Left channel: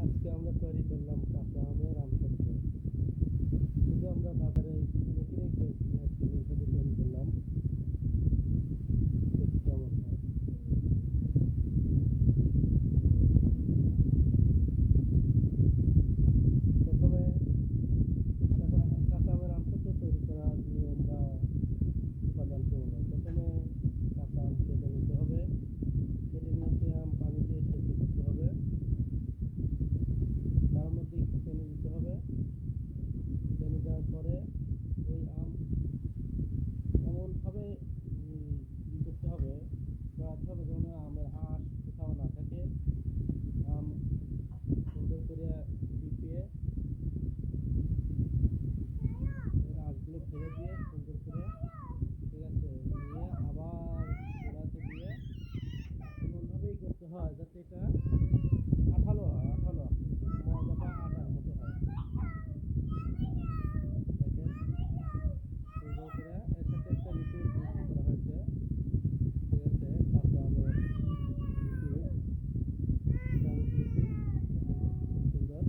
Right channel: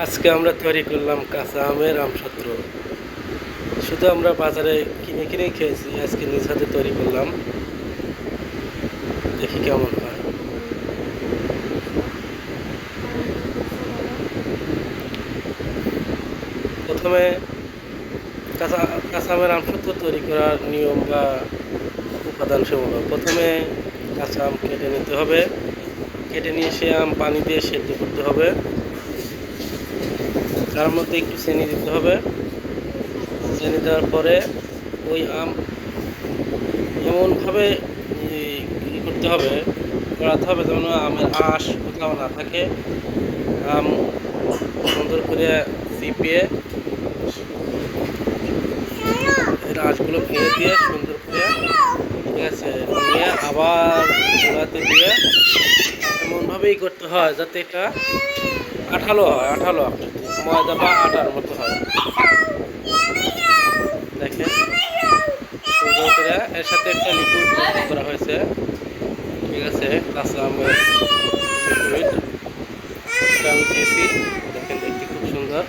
আজকে আমরা তৈরি করলাম কাঁচা আমের আমসত্র শুধু আমরা বাজারে কিনে কিনে খেয়েছি, আজকে নিজ হাতে তৈরি করলাম। দেখি কেমন হয়। প্রথমে কাঁচা কাঁচা আমের আমসত্র তৈরি করার নিয়ম বা উপাদান সমূহ। প্রথমে কাঁচা আম কেটে নিতে হবে। কেটে নিয়ে সে আম পানি দিয়ে সেদ্ধ করতে হবে। তার মধ্যে একটু চিনি দিতে হবে। চিনি দেওয়ার পরে ওই আম এমনভাবে ই- করতে হবে করাতে হবে যেন আমের আঁশ কোথাও না থাকে। আম সুন্দর করে চিপিয়ে এর আঁশগুলো ফেলে দিয়ে সুন্দর করে, ঠিক আছে, নিয়ে আবার গোড়াতে দিয়ে এমনভাবেই করতে হয় যাতে এটা আঠালো হয়, আঠালো ময়দা বা আটার মতো হয়। দেখেন। সুন্দর করে এর সাথে একটা লিকুইড করা হয়েছে। ঠিক আছে কাঁচা আমের লিকুইড দেখেন, দেখতে খুব সুন্দর।